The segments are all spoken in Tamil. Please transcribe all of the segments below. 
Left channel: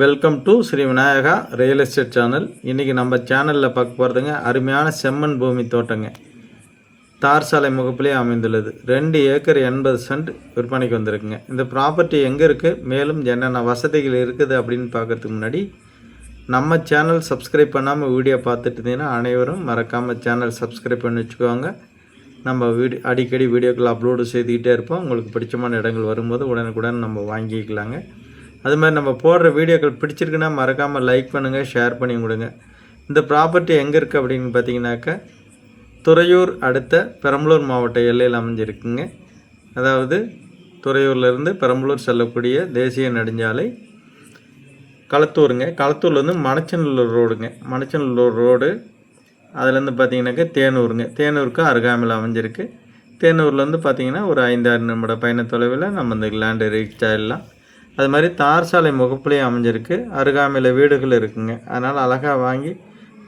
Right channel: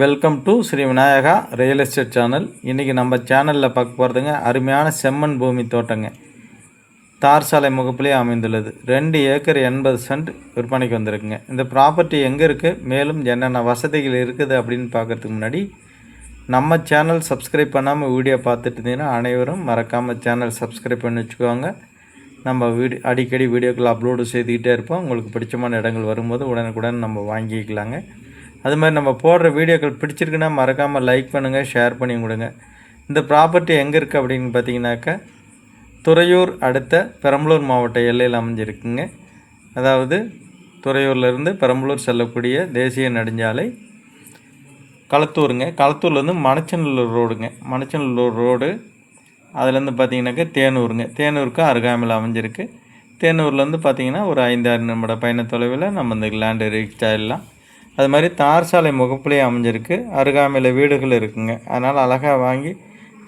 Welcome to Shri Vinayaka real estate channel. இன்றைக்கி நம்ம சேனலில் பார்க்க போகிறதுங்க அருமையான செம்மண் பூமி தோட்டங்க. தார் சாலை முகப்பிலே அமைந்துள்ளது. 2 ஏக்கர் 80 சென்ட் விற்பனைக்கு வந்திருக்குங்க. இந்த ப்ராப்பர்ட்டி எங்கே இருக்குது, மேலும் என்னென்ன வசதிகள் இருக்குது அப்படின்னு பார்க்கறதுக்கு முன்னாடி நம்ம சேனல் சப்ஸ்கிரைப் பண்ணாமல் வீடியோ பார்த்துட்டு இருந்தீங்கன்னா அனைவரும் மறக்காமல் சேனல் சப்ஸ்கிரைப் பண்ணி வச்சுக்குவாங்க. நம்ம அடிக்கடி வீடியோக்கள் அப்லோடு செய்துக்கிட்டே இருப்போம். உங்களுக்கு பிடிச்சமான இடங்கள் வரும்போது உடனுக்குடன் நம்ம வாங்கிக்கலாங்க. அது மாதிரி நம்ம போடுற வீடியோக்கள் பிடிச்சிருக்குன்னா மறக்காமல் லைக் பண்ணுங்கள், ஷேர் பண்ணி கொடுங்க. இந்த ப்ராப்பர்ட்டி எங்கே இருக்குது அப்படின்னு பார்த்தீங்கன்னாக்கா, துறையூர் அடுத்த பெரம்பலூர் மாவட்ட எல்லையில் அமைஞ்சிருக்குங்க. அதாவது துறையூர்லேருந்து பெரம்பலூர் செல்லக்கூடிய தேசிய நெடுஞ்சாலை களத்தூருங்க. களத்தூர்லேருந்து மணச்சநல்லூர் ரோடுங்க. மணச்சநல்லூர் ரோடு அதுலேருந்து பார்த்தீங்கன்னாக்கா தேனூருங்க. தேனூருக்கு அருகாமையில் அமைஞ்சிருக்கு. தேனூர்லேருந்து பார்த்தீங்கன்னா ஒரு 5-6 நிமிட பயண தொலைவில் நம்ம இந்த லேண்டு ரீச் ஆகிடலாம். அது மாதிரி தார் சாலை முகப்புலேயே அமைஞ்சிருக்கு. அருகாமையில் வீடுகள் இருக்குங்க. அதனால் அழகாக வாங்கி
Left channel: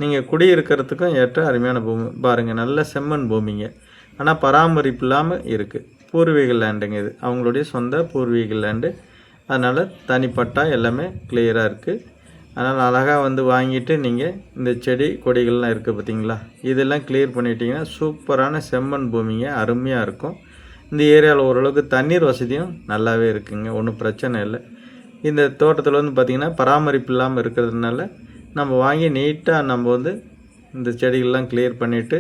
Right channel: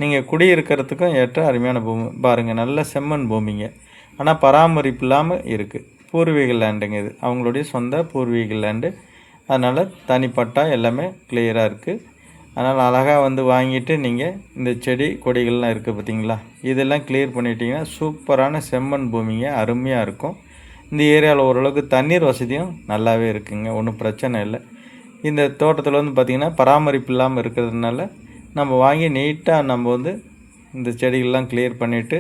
நீங்கள் குடியிருக்கிறதுக்கும் ஏற்ற அருமையான பூமி பாருங்கள். நல்ல செம்மண் பூமிங்க. ஆனால் பராமரிப்பு இல்லாமல் இருக்குது. பூர்வீக லேண்டுங்க இது. அவங்களுடைய சொந்த பூர்வீக லேண்டு. அதனால் தனிப்பட்டா எல்லாமே கிளியராக இருக்குது. அதனால் அழகாக வந்து வாங்கிட்டு நீங்கள் இந்த செடி கொடிகள்லாம் இருக்குது பார்த்தீங்களா, இதெல்லாம் கிளியர் பண்ணிட்டீங்கன்னா சூப்பரான செம்மண் பூமிங்க. அருமையாக இருக்கும். இந்த ஏரியாவில் ஓரளவுக்கு தண்ணீர் வசதியும் நல்லாவே இருக்குங்க. ஒன்றும் பிரச்சனை இல்லை. இந்த தோட்டத்தில் வந்து பார்த்திங்கன்னா பராமரிப்பு இல்லாமல் இருக்கிறதுனால நம்ம வாங்கி நீட்டாக நம்ம வந்து இந்த செடிகள்லாம் கிளியர் பண்ணிவிட்டு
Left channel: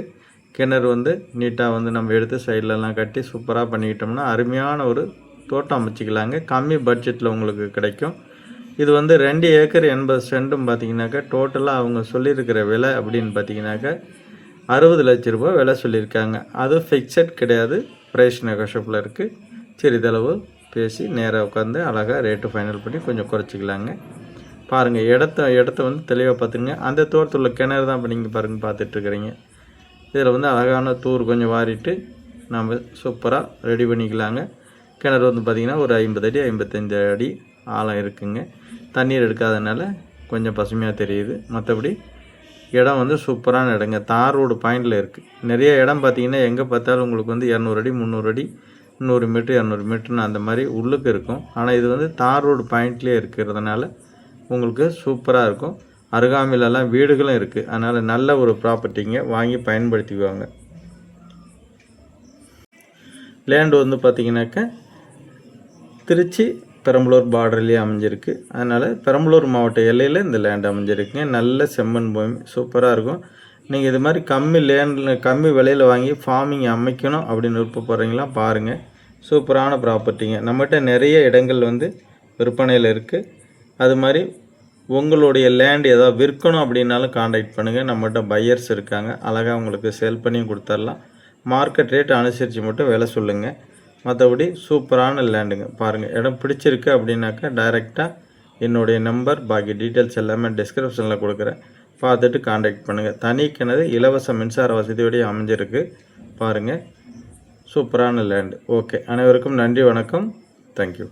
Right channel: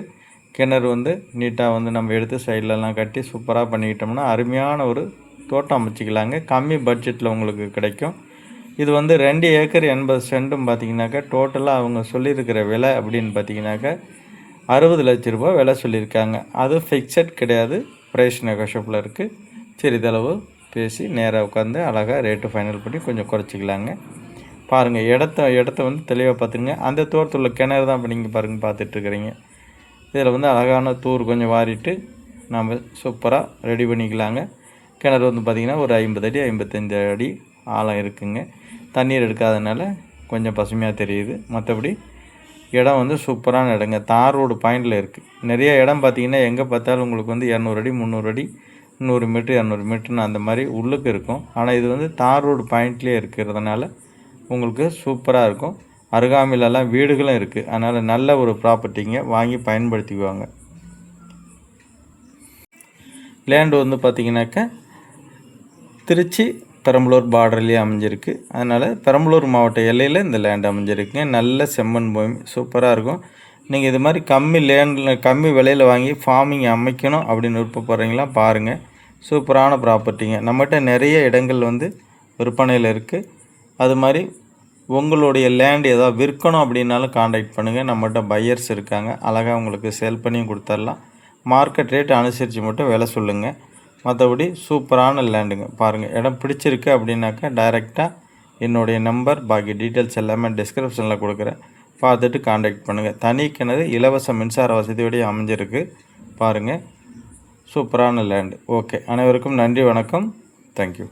கிணறு வந்து நீட்டாக வந்து நம்ம எடுத்து சைட்லலாம் கட்டி சூப்பராக பண்ணிக்கிட்டோம்னா அருமையான ஒரு தோட்டம் அமைச்சிக்கலாங்க. கம்மி பட்ஜெட்டில் உங்களுக்கு கிடைக்கும். இது வந்து 2 ஏக்கர் 80 சென்ட்டும் பார்த்திங்கனாக்கா டோட்டலாக அவங்க சொல்லியிருக்கிற விலை அப்படின்னு பார்த்திங்கனாக்கா 60 லட்ச ரூபா விலை சொல்லியிருக்காங்க. அது ஃபிக்ஸட் கிடையாது, ப்ரைஸ் நெகோஷியபிள் இருக்குது. சிறிதளவு பேசி நேராக உட்காந்து அழகாக ரேட்டு ஃபைனல் பண்ணி கொஞ்சம் குறைச்சிக்கலாங்க. பாருங்கள், இடத்த வந்து தெளிவாக பார்த்துங்க. அந்த தோட்டத்தில் உள்ள கிணறு தான் இப்போ நீங்கள் பாருங்கள் பார்த்துட்ருக்குறீங்க. இதில் வந்து அழகான தூர் கொஞ்சம் வாரிட்டு நம்ம சூப்பராக ரெடி பண்ணிக்கலாங்க. கிணறு வந்து பார்த்திங்கன்னா ஒரு 50 அடி 55 அடி ஆழம் இருக்குங்க. தண்ணீர் எடுக்காதனால கொஞ்சம் பசுமையாக தெரியுது. மற்றபடி இடம் வந்து சூப்பரான இடங்க. தார் ரோடு பாயிண்டில் இருக்குது. நிறைய இடம் பார்த்திங்கன்னா எங்கே பார்த்தாலும் உங்களுக்கு வந்து 200 அடி 300 அடி 100 மீட்ரு 200 மீட்டர்னு அந்த மாதிரி உள்ளுக்கு இருக்கும். ஆனால் இது வந்து தார் ரோடு பாயிண்ட்லேயே இருக்கிறதுனால உங்களுக்கு சூப்பராக இருக்கும். அருகாமையிலலாம் வீடுகளும் இருக்குது. அதனால் நல்ல ஒரு ப்ராப்பர்ட்டிங்க. வாங்கி பயன்படுத்திக்குவாங்க. லேண்டு வந்து பார்த்திங்கனாக்கா திருச்சி பெரம்பலூர் பார்டர்லேயே அமைஞ்சிருக்கு. அதனால் பெரம்பலூர் மாவட்ட எல்லையில் இந்த லேண்ட் அமைஞ்சிருக்குங்க. நல்ல செம்மண் பூமி சூப்பராக இருக்கும். நீங்கள் இது மாதிரி கம்மி விலையில் வாங்கி ஃபார்மிங் அமைக்கணும் அப்படின்னு விருப்பப்படுறீங்களா பாருங்கள். சூப்பரான ப்ராப்பர்ட்டிங்க. நம்மகிட்ட நிறைய இடங்கள் வந்து விற்பனையில் இருக்குது. அது மாதிரி உங்களுடைய லேண்ட் ஏதாவது விற்கணும் அப்படின்னாலும் காண்டாக்ட் பண்ணுங்கள். நம்மகிட்ட பையர்ஸ் இருக்காங்க. அழகாக உங்களுக்கு சேல் பண்ணியும் கொடுத்துடலாம். மார்க்கெட் ரேட் அனுசரித்து மட்டும் விலை சொல்லுங்கள். மற்றபடி சூப்பரான லேண்டுங்க. பாருங்கள், இடம் பிடிச்சிருக்கு அப்படின்னாக்கா டைரெக்டாக என்னுடைய நம்பர் பாக்கி டீட்டெயில்ஸ் எல்லாமே டிஸ்கிரிப்ஷனில் கொடுக்குறேன். பார்த்துட்டு காண்டாக்ட் பண்ணுங்கள். தனி கிணறு இலவச மின்சார வசதியோடய அமைஞ்சிருக்கு. பாருங்கள், சூப்பரான லேண்டு. ஓகே, அனைவருக்கும் நன்றி, வணக்கம், தேங்க்யூ.